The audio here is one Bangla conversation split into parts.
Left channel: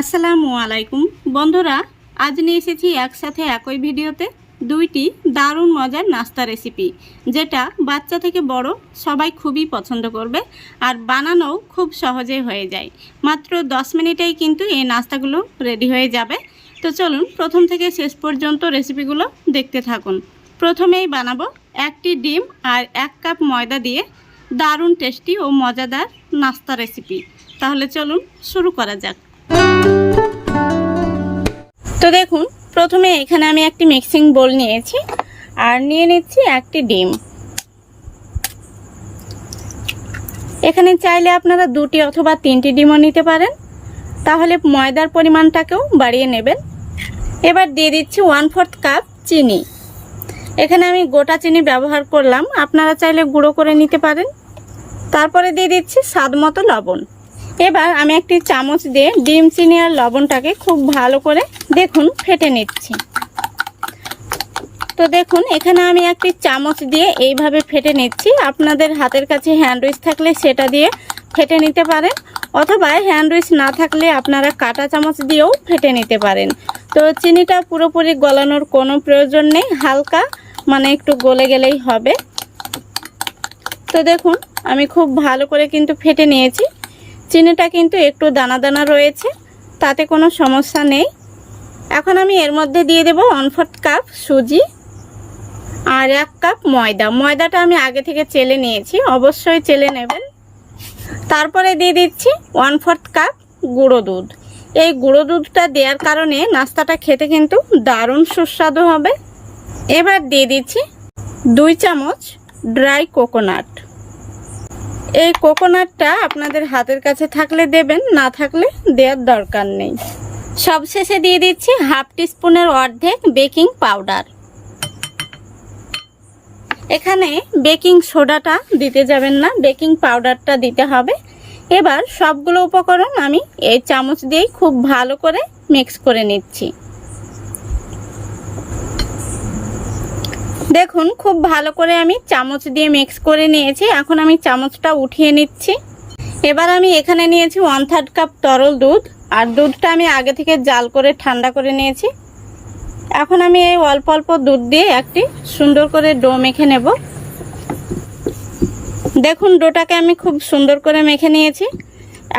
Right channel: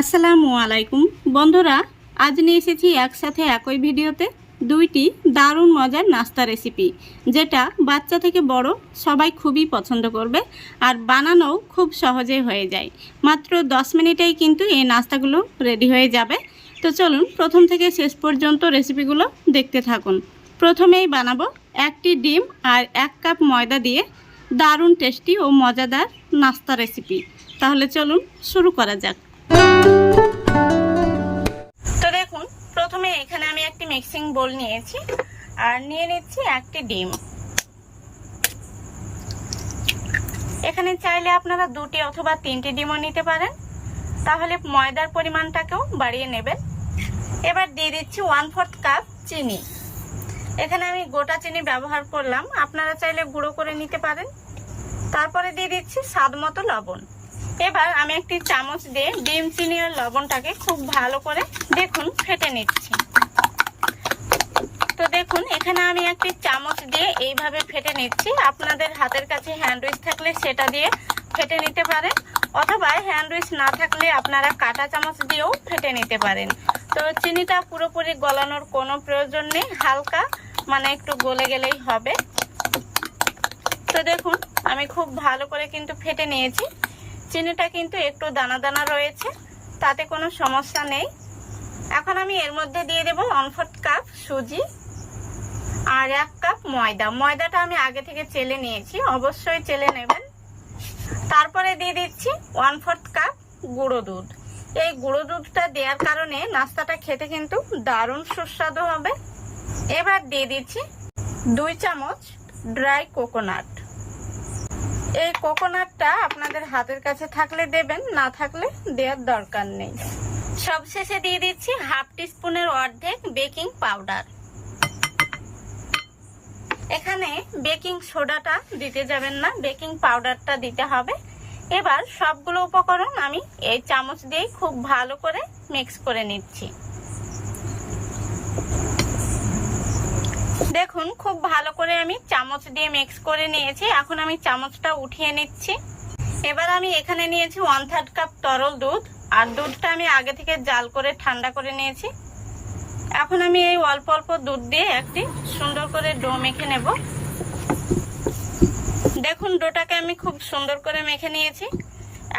আসসালামু আলাইকুম বন্ধুরা, আজ নিয়ে এসেছি একসাথে একই ভিডিওতে দুইটি দারুণ মজার নাস্তা রেসিপি, যেটা বাচ্চা থেকে বড় সবাই খুবই পছন্দ করবে আর বানানোও খুব সহজে হয়ে যায়। মাত্র 10 মিনিটেই কিন্তু এই নাস্তাগুলো রেডি হয়ে যাবে। তো চলুন প্রথম থেকে শেষ পর্যন্ত রেসিপিগুলো দেখতে থাকুন। প্রথমেই বানাবো একটি ডিম আর 1 কাপ ময়দা দিয়ে দারুণ টেস্টি ও মজাদার নাস্তা রেসিপি। তাহলে চলুন শুরু করা যাক। তো দেখুন, প্রথমে এখানে আমি একটি মিক্সিং বোল নিয়েছি আর নিয়ে নিচ্ছি একটি ডিম। এখানে চাইলে আপনারা 2টি অথবা 3টি ডিমও নিতে পারেন, তাহলে ময়দার পরিমাণটাকেও বাড়িয়ে নেবেন। এবার দিয়ে দিচ্ছি 1/4 কাপ চিনি। এখানে আমি গোটা চিনি ব্যবহার করলাম, আপনারা চাইলে গুঁড়ো করে নিতে পারেন। তারপরে দিয়ে দিচ্ছি স্বাদ মতো লবণ। এবার আমি একটি চামচ দিয়ে ডিম, চিনি আর লবণটাকে খুব ভালো করে দেখুন ফেটে নিচ্ছি। তো দেখুন, এখানে আমি একটি চামচ দিয়ে এইভাবে ফেটে নিচ্ছি। আপনাদের হাতের কাছে হ্যান্ড উইচ থাকলে সেটা দিয়ে ফেটে নিতে পারেন, অথবা হ্যান্ড উইচ না থাকলে আপনারা কাঁটা চামচ দিয়েও ফেটে নিতে পারেন। তো চিনিটা পুরোপুরি গলানোর কোনো প্রয়োজন নেই, হালকা একটু গলে গেলেই হবে। তো দেখুন, আমি খুব ভালো করে কিন্তু ফেটে নিয়েছি। চিনিটা কিন্তু একটু দানা দানা রয়েছে, তাতে কোনো সমস্যা নেই। এখন আমি এর মধ্যে দিয়ে দেব 1/4 কাপ সুজি আর 1 কাপ ময়দা। ময়দাটা আমি আগে থেকে চেলে নিয়েছি, অবশ্যই চেলে নেবেন। তারপরে দিয়ে দিচ্ছি 1/4 কাপ গুঁড়ো দুধ। এই গুঁড়ো দুধটা দেওয়ার কারণে নাস্তাটা খেতে কিন্তু দারুণ সুস্বাদু হবে। এবার দিয়ে দিচ্ছি 2 চামচ ড্রাই কোকোনাট। এই কোকোনাটটা আপনাদের হাতের কাছে থাকলে দেবেন, না থাকলে দেওয়ার দরকার নেই। সবশেষে দিয়ে দিচ্ছি 1/2 টিস্পুনের অর্ধেক বেকিং পাউডার। এখানে বেকিং সোডাটা দিতে যাবেন না, বেকিং পাউডারটা দিতে হবে। এবার সবগুলো উপকরণ আমি এই চামচ দিয়েই খুব ভালো করে মিক্স করে নিচ্ছি। দেখুন, খুব ভালো করে আমি চামচ দিয়ে মিক্স করে নিয়েছি। এখন আমি চামচটা উঠিয়ে নিচ্ছি। এবার আমি এখানে নিয়েছি 1/3 কাপ তরল দুধ, আর দুধটা আমি আগে থেকে জাল করে ঠান্ডা করে নিয়েছি। এখন আমি এই অল্প অল্প দুধ দিয়ে একটি সুন্দর করে ডো মেখে নেব। দেখুন, ডোটাকে আমি খুব সুন্দর করে মেখে নিয়েছি।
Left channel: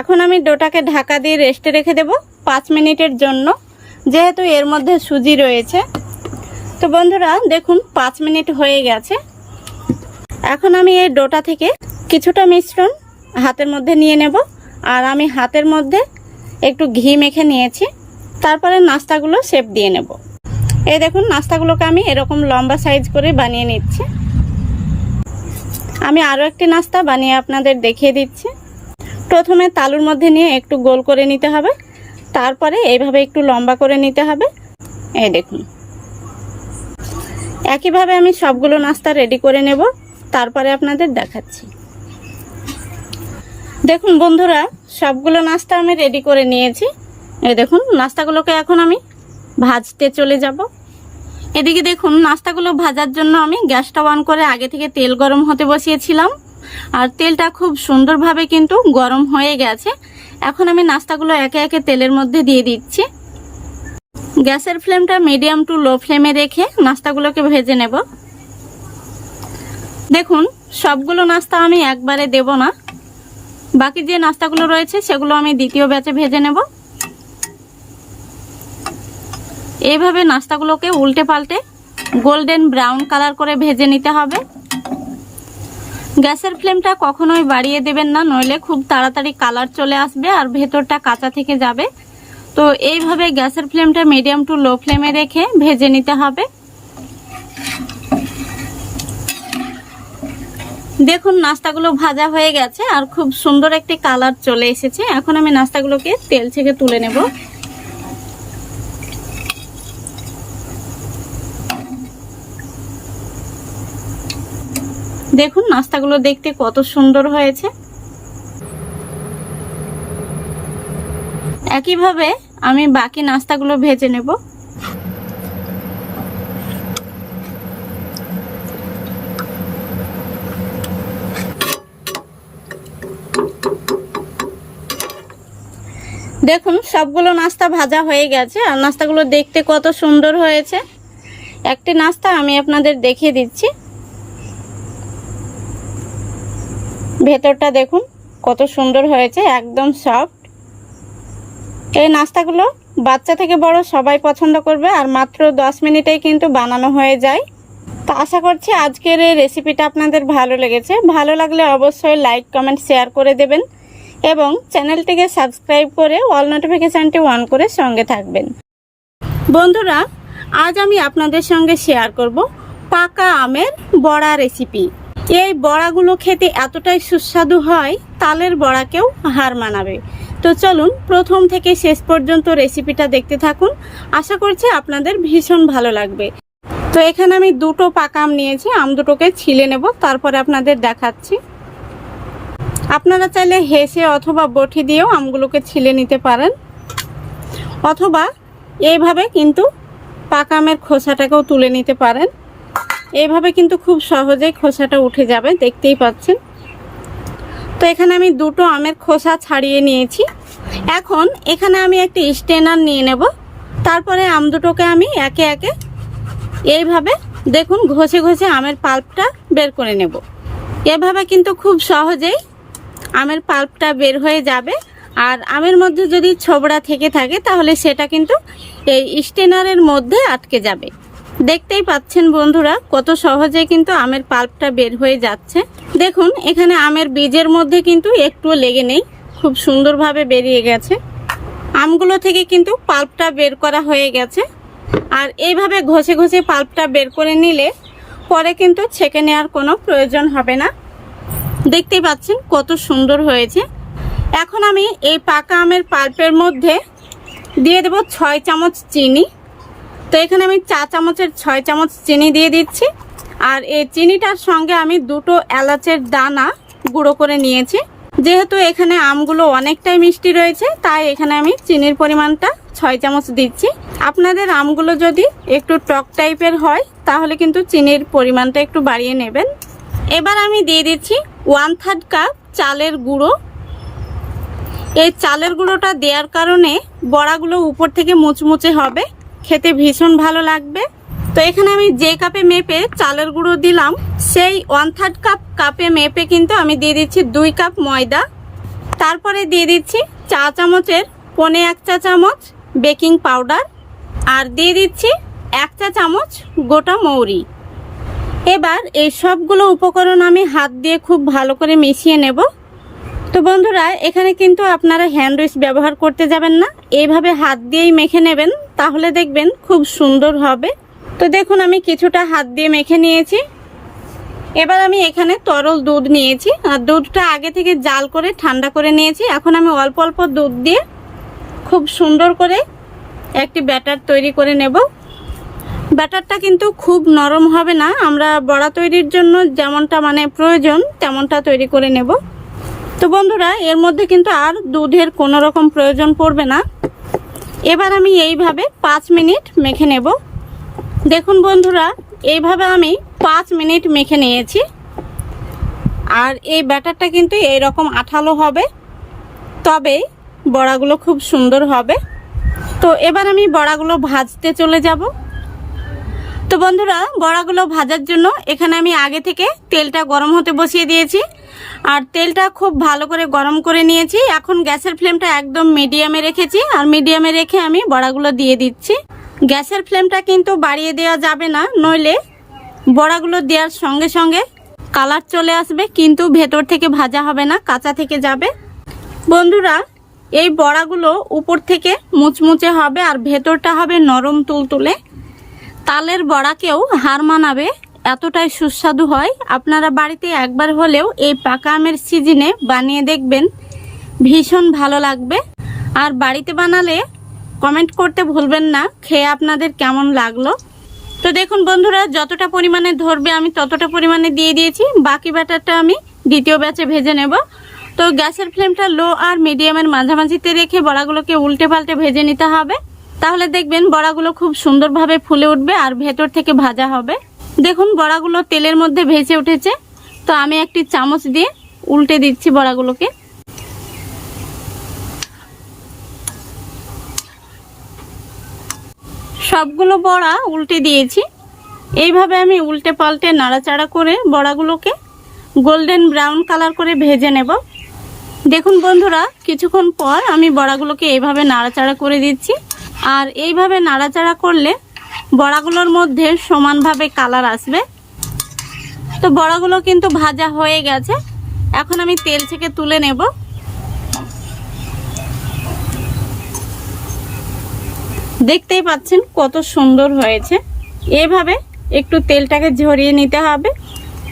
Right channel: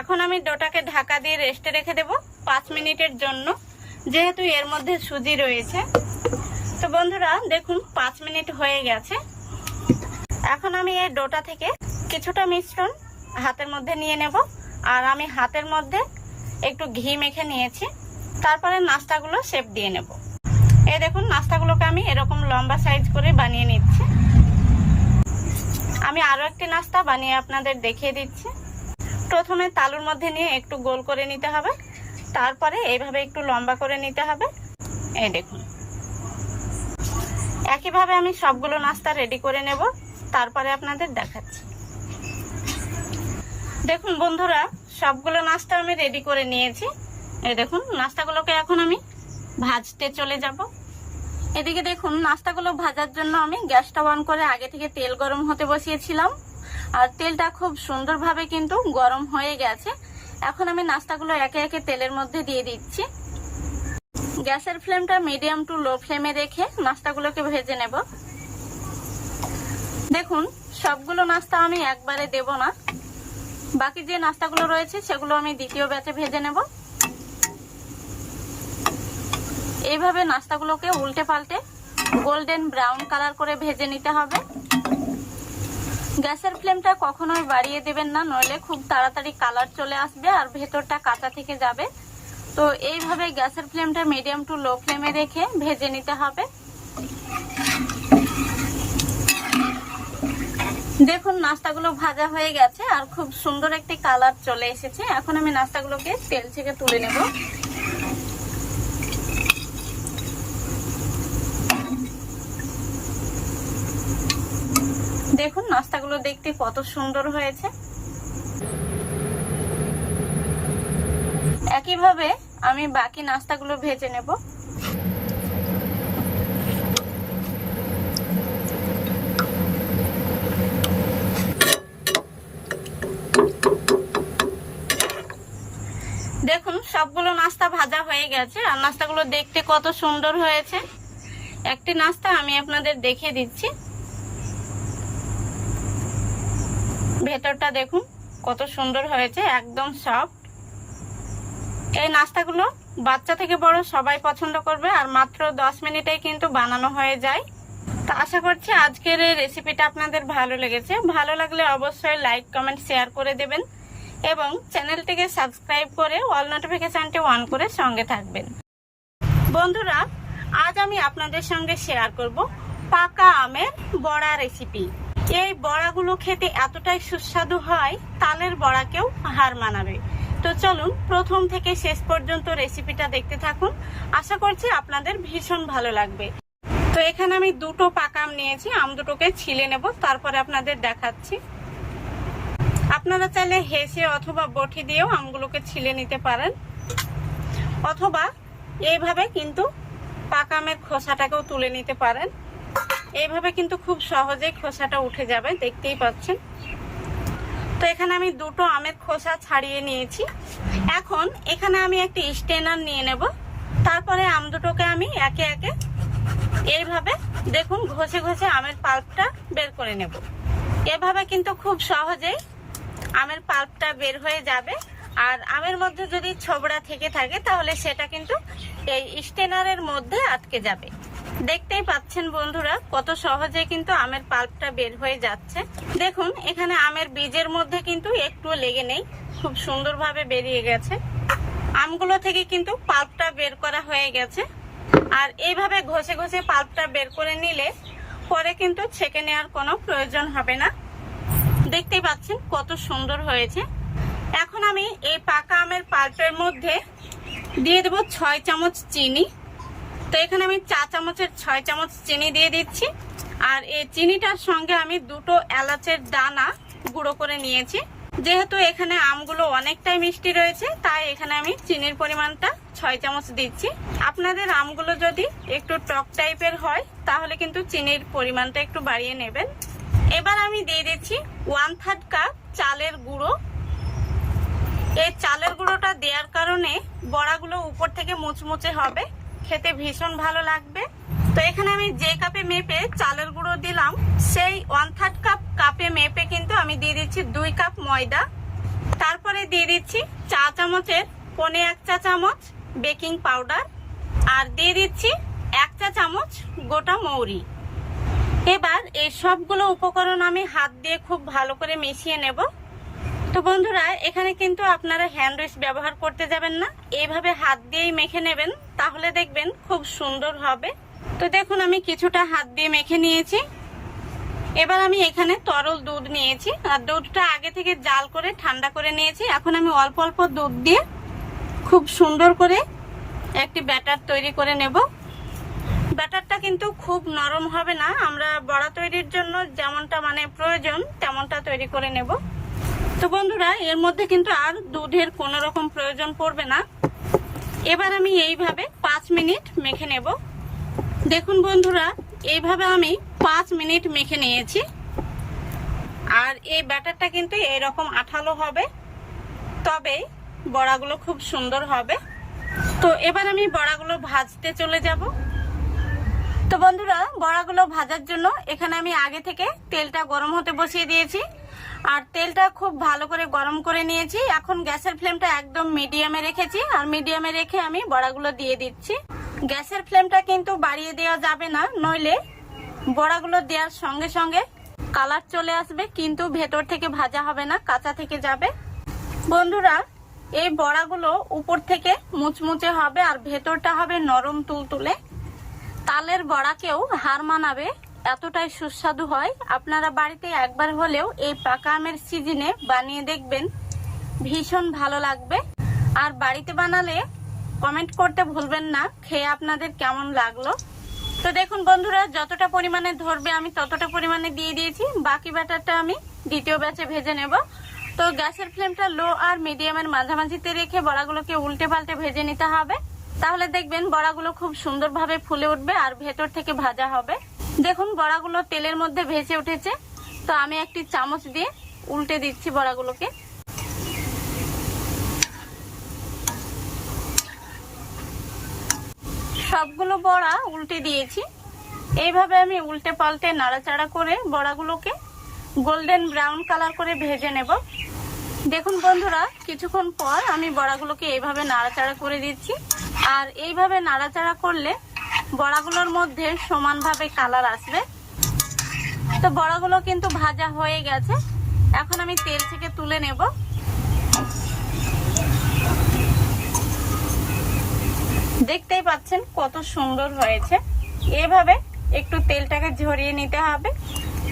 এখন আমি ডোটাকে ঢাকা দিয়ে রেস্টে রেখে দেব 5 মিনিটের জন্য, যেহেতু এর মধ্যে সুজি রয়েছে। তো বন্ধুরা দেখুন, 5 মিনিট হয়ে গেছে। এখন আমি এই ডোটা থেকে কিছুটা মিশ্রণ হাতের মধ্যে নিয়ে নেব, আর আমি হাতের মধ্যে একটু ঘি মেখে নিয়েছি। তারপরে নাস্তাগুলো শেপ দিয়ে নেব। এই দেখুন, নাস্তাগুলোকে আমি এরকম লম্বা সাইজ করে বানিয়ে নিচ্ছি। আমি আরও একটি নাস্তা বানিয়ে আপনাদের দেখিয়ে দিচ্ছি। প্রথমে তালুর মধ্যে নিয়ে একটু গোল করে নিতে হবে, তারপরে এইভাবে একটু লম্বা করে নিতে হবে। এই দেখুন, একইভাবে আমি সবগুলো নাস্তা রেডি করে নেব, তারপরে আপনাদের দেখাচ্ছি। দেখুন বন্ধুরা, সবগুলো নাস্তা আমি রেডি করে নিয়েছি। এই দেখুন, নাস্তাগুলোকে এখন আমি ভাজতে চলে যাব। এদিকে দেখুন, নাস্তাগুলো ভাজার জন্য আমি গ্যাসটা অন করে আগে থেকে তেল গরম হতে বসিয়েছিলাম, আর তেলটা খুব সুন্দরভাবে কিন্তু গরম হয়ে গেছে। এখন আমি নাস্তাগুলো একে একে তেলের মধ্যে দিয়ে দিচ্ছি। গ্যাসের ফ্লেমটা মিডিয়াম টু লো ফ্লেমে রেখে নাস্তাগুলোকে ভেজে নেব। দেখুন, সবগুলো নাস্তা আমি একবারে দেব না, বাকি যে নাস্তাগুলো রয়েছে সেগুলো আমি দ্বিতীয় ব্যাচে ভেজে নেব। এইভাবে নাস্তাগুলোকে উল্টে পাল্টে গোল্ডেন ব্রাউন কালার করে ভেজে নিতে হবে। গ্যাসের ফ্লেমটা কখনোই বাড়িয়ে দেবেন না, নইলে খুব তাড়াতাড়ি কালার চলে আসবে আর ভেতরটা কাঁচা থেকে যাবে। তো এইভাবে গ্যাসের ফ্লেমটা মিডিয়াম টু লো ফ্লেমে রেখে ভেজে নিতে হবে। দেখুন, নাস্তাগুলো ভাজা হয়ে গেছে আর খুব সুন্দর একটি কালার চলে এসেছে। এখন আমি নাস্তাগুলোকে তেল থেকে তুলে নেব। দেখুন, নাস্তাগুলো দেখতে কত সুন্দর হয়েছে। একইভাবে আমি বাকি নাস্তাগুলো ভেজে নেব। দেখুন সবগুলো নাস্তা ভাজা হয়ে গেছে আর নাস্তাগুলো দেখতে কত সুন্দর হয়েছে। একটি নাস্তা আমি আপনাদের দেখিয়ে দিচ্ছি। ভেতরটা দেখুন কত সুন্দর হয়েছে, একদম সফট। এই নাস্তাগুলো বাচ্চা থেকে বড় সবাই পছন্দ করবে আর মাত্র 10 মিনিটেই কিন্তু বানানো হয়ে যায়। তো আশা করছি আজকের এই রেসিপিটা আপনাদের ভালো লেগেছে। ভালো লাগলে অবশ্যই লাইক কমেন্ট শেয়ার করে দেবেন এবং চ্যানেলটিকে সাবস্ক্রাইব করে অল নোটিফিকেশানটি অন করে সঙ্গে থাকবেন। বন্ধুরা, আজ আমি আপনাদের সঙ্গে শেয়ার করব পাকা আমের বড়া রেসিপি। এই বড়াগুলো খেতে এতটাই সুস্বাদু হয়, তালের বড়াকেও হার মানাবে। তো চলুন প্রথম থেকে শেষ পর্যন্ত রেসিপিটা দেখতে থাকুন। আশা করছি আপনাদের ভীষণ ভালো লাগবে। তো এখানে আমি দুটো পাকা আম নিয়েছি, আম দুটোকে ছিলে নেব, তারপরে আপনাদের দেখাচ্ছি। আপনারা চাইলে হেসে অথবা বটি দিয়েও আমগুলোকে ছিলে নিতে পারেন, অথবা এইভাবে কিন্তু পাকা আমের খোসাটাকেও তুলে নিতে পারেন। এইভাবে কিন্তু খুব সহজেই খোসাটা উঠে যাবে, দেখতেই পাচ্ছেন। তো এখানে আমি দুটো আমের খোসা ছাড়িয়ে নিয়েছি। এখন এখানে আমি একটি স্ট্রেনার নিয়ে নেব, তারপরে আম দুটোকে আমি একে একে এইভাবে দেখুন ঘষে ঘষে আমের পাল্পটা বের করে নেব। এভাবে কিন্তু খুব সহজেই আমের পাল্পটা বের হয়ে যাবে। আর আমের মধ্যে যদি ছোবড়া থেকে থাকে তাহলে সেটা কিন্তু এই স্ট্রেনারের মধ্যে আটকে যাবে। দেখতেই পাচ্ছেন বন্ধুরা কত সহজে কিন্তু আমের পাল্পটা বের হয়ে যাচ্ছে। দেখুন এখানে আমের বীজের মধ্যে কিন্তু একটুও লেগে নেই, খুব সুন্দরভাবে বেরিয়ে গেছে। আমগুলো থেকে কিন্তু পাল্পটা বের করা হয়ে গেছে। আর এইভাবে ঘষে ঘষে পাল্পটা বের করে নিলে পরে কিন্তু ছেঁকে নেওয়ার কোনো প্রয়োজন হবে না। দেখতেই পাচ্ছেন কত সুন্দর হয়েছে। এখন আমি এই পাকা আমের পাল্পের মধ্যে দিয়ে দেব 6 চামচ চিনি। তো এখানে আমি 4 চামচের 6 চামচ চিনি দিয়ে দিচ্ছি। আর এই চিনিটার সঙ্গে আমি দুটো এলাচের দানা গুঁড়ো করে নিয়েছি। যেহেতু এখানে আমগুলো অনেকটাই মিষ্টি রয়েছে, তাই এখানে আমি চিনির পরিমাণটা 6 চামচ দিচ্ছি। আপনাদের আমগুলো যদি একটু টক টাইপের হয় তাহলে কিন্তু চিনির পরিমাণটা একটু বাড়িয়ে নেবেন। এবার আমি দিয়ে দিচ্ছি 1/3 কাপ চালের গুঁড়ো। এই চালের গুঁড়োটা দেওয়ার কারণে বড়াগুলো উপর থেকে মুচমুচে হবে, খেতে ভীষণ ভালো লাগবে। তো এখানে আমি যে কাপে মেপে চালের গুঁড়ো দিলাম সেই 1/3 কাপে মেপে কিন্তু আমি দিয়ে দিচ্ছি 2 কাপ ময়দা। তারপরে দিয়ে দিচ্ছি 4 চামচের 1.25 চা চামচ বেকিং পাউডার আর দিয়ে দিচ্ছি 1 চা চামচ গোটা মৌরি। এবার এই সবগুলো উপকরণ আমি হাত দিয়ে খুব ভালো করে মিশিয়ে নেব। তো বন্ধুরা, এখানে কিন্তু আপনারা হ্যান্ড উইস্ক ব্যবহার করতে যাবেন না, এইভাবে হাত দিয়েই মেখে নেবেন, তাহলে দেখবেন খুব সুন্দর হবে। তো দেখুন আমি কিছুটা হাত দিয়ে মেখে নিয়েছি। এবার আমি এখানে তরল দুধ নিয়েছি আর দুধটা আগে থেকে জাল করে ঠান্ডা করে নিয়েছি। এখন আমি অল্প অল্প দুধ দিয়ে খুব সুন্দর করে একটি ব্যাটার তৈরি করে নেব। ব্যাটারটা কিন্তু খুব নরম হবে না, আমরা বড়া তৈরির জন্য যেমনটা প্রয়োজন তেমনটা তৈরি করে নেব। তো বন্ধুরা, এর মধ্যে কিন্তু আর দুধের কোনো রকম প্রয়োজন পড়বে না। এবার আমি এইভাবে 5 মিনিট মেখে নেব। দেখুন বন্ধুরা, এইভাবে আমি 5 মিনিট মেখে নিয়েছি। আর এই ব্যাটারটা কিন্তু এইরকম আঠালো হবে, তবে বড়াগুলো খুব সুন্দর হবে। তো এবার আমি বড়াগুলো ভাজতে চলে যাব। তো বন্ধুরা, বড়াগুলো ভাজার জন্য এখানে আমি আগে থেকে তেলটা গরম হতে বসিয়ে দিয়েছি আর তেলটা খুব ভালো করে গরম করে নিয়েছি। এখন গ্যাসের ফ্লেমটা একদম মিডিয়ামে রেখেছি আর মিডিয়ামে রেখে আমি বড়াগুলো দিয়ে দিচ্ছি। গ্যাসের ফ্লেমটা কিন্তু বাড়িয়ে দেওয়া যাবে না, নইলে বড়াগুলো দেওয়ার সঙ্গে সঙ্গে কালার চলে আসবে কিন্তু ভেতর থেকে ভাজা হবে না, কাঁচা থেকে যাবে। বন্ধুরা, এই বড়াগুলো উপর থেকে মুচমুচে হবে আর ভেতরটা হবে নরম তুলতুলে। তালের বড়াকেও হার মানাবে, এতটাই সুস্বাদু হয়। আপনারা বাড়িতে একবার হলেও এই পাকা আমের সিজনে বানিয়ে দেখবেন, ভীষণ ভালো লাগবে। আর বাড়িতে বানালে কমেন্ট করতে ভুলবেন না খেয়ে আপনাদের কেমন লাগলো। তো দেখুন বন্ধুরা, যতটা পরিমাণে ধরবে আমি ততটা পরিমাণে দিয়ে দিয়েছি। বাকি ব্যাটারটা আমি দ্বিতীয় ব্যাচে ভেজে নেব। তো গ্যাসের ফ্লেমটা লো আর মিডিয়ামের মাঝামাঝিতে রেখে বড়াগুলোকে উল্টে পাল্টে ভেজে নিতে হবে, তাহলে দেখবেন বড়াগুলো খুব সুন্দরভাবে ফুলে উঠবে আর ভেতর থেকে ভাজা হবে। দেখুন বড়াগুলো তেলের মধ্যে ভেসে উঠেছে। তো আমি একটি চামচ দিয়ে উল্টে দিচ্ছি বড়াগুলোকে। সবগুলো বড়া উল্টে দিয়েছি। এইভাবে আমি উল্টে পাল্টে নাড়াচাড়া করে বড়াগুলোকে গোল্ডেন ব্রাউন কালার করে ভেজে নেব। দেখুন বন্ধুরা, কিছুক্ষণ পর আমি বড়াগুলোকে এইভাবে নাড়াচাড়া করে দিচ্ছি। আর এইভাবে নাড়াচাড়া করলে বড়াগুলোর মধ্যে সমানভাবে কালার আসবে। তো বড়াগুলো কিন্তু ভাজা হয়ে গেছে, এখন আমি তেল থেকে তুলে নেব। দেখতেই পাচ্ছেন কত সুন্দর হয়েছে। এভাবে একটু তেলটাকে ঝরিয়ে নিতে হবে।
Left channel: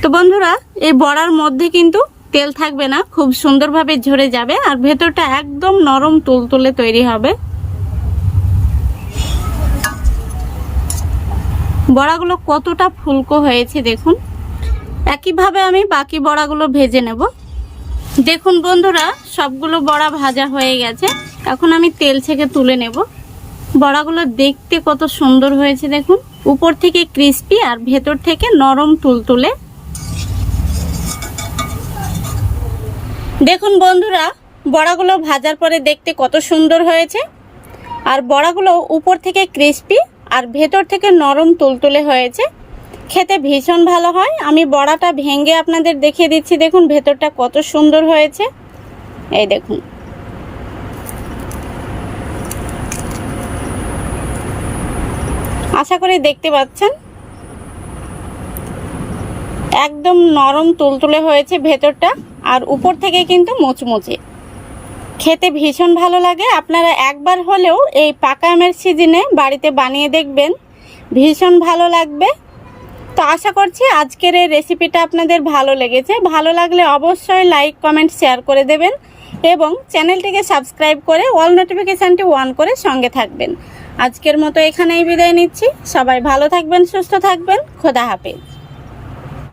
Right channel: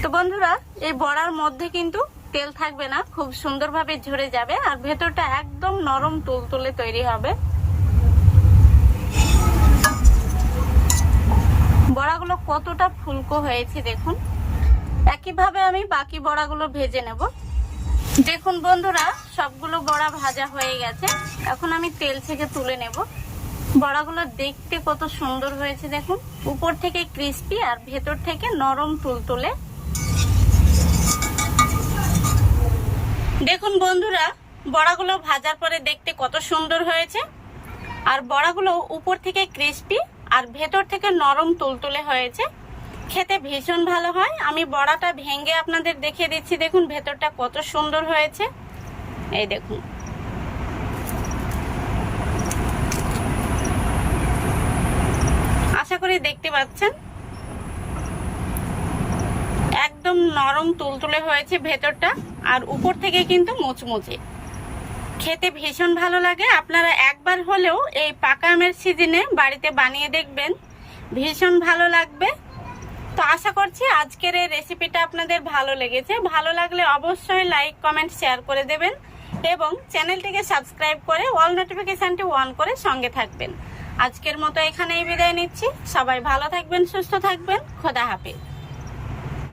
তো বন্ধুরা, এই বড়ার মধ্যে কিন্তু তেল থাকবে না, খুব সুন্দরভাবে ঝরে যাবে আর ভেতরটা একদম নরম তুলতুলে তৈরি হবে। বড়াগুলো কতটা ফুলকো হয়েছে দেখুন। একইভাবে আমি বাকি বড়াগুলো ভেজে নেব। দেখুন বন্ধুরা, সবগুলো বড়া ভাজা হয়ে গেছে, এখন আমি তেল থেকে তুলে নেব। বড়াগুলো দেখতে কত সুন্দর হয়েছে দেখুন, উপর থেকে ক্রিস্পি আর ভেতর থেকে নরম তুলতুলে। দেখুন বন্ধুরা, বড়াগুলো ভাজার পরে দেখতে কত সুন্দর হয়েছে। আর বড়াগুলো উপর থেকে ক্রিস্পি আর ভেতর থেকে নরম তুলতুলে হয়েছে, খেতে ভীষণ ভালো হয়। আমি বড়াটা ভেঙে আপনাদের দেখিয়ে দিচ্ছি। দেখুন ভেতরটা কত সুন্দর হয়েছে, এই দেখুন। আশা করি দেখতে পাচ্ছেন একদম নরম তুলতুলে হয়েছে ভেতরটা, আর উপর থেকে কিন্তু মুচমুচে, খেতে ভীষণ ভালো লাগে। আপনারা একবার হলেও এই পাকা আমের সিজনে বাড়িতে বানিয়ে দেখবেন, ভীষণ ভালো লাগবে। তো আশা করছি আজকের এই রেসিপিটা আপনাদের ভালো লেগেছে। ভালো লাগলে অবশ্যই লাইক কমেন্ট শেয়ার করে দেবেন এবং চ্যানেলটিকে সাবস্ক্রাইব করে অল নোটিফিকেশানটি অন করে সঙ্গে থাকবেন। আজকের মতো এখানেই বিদায় নিচ্ছি। সবাই ভালো থাকবেন, সুস্থ থাকবেন। খোদা হাফেজ।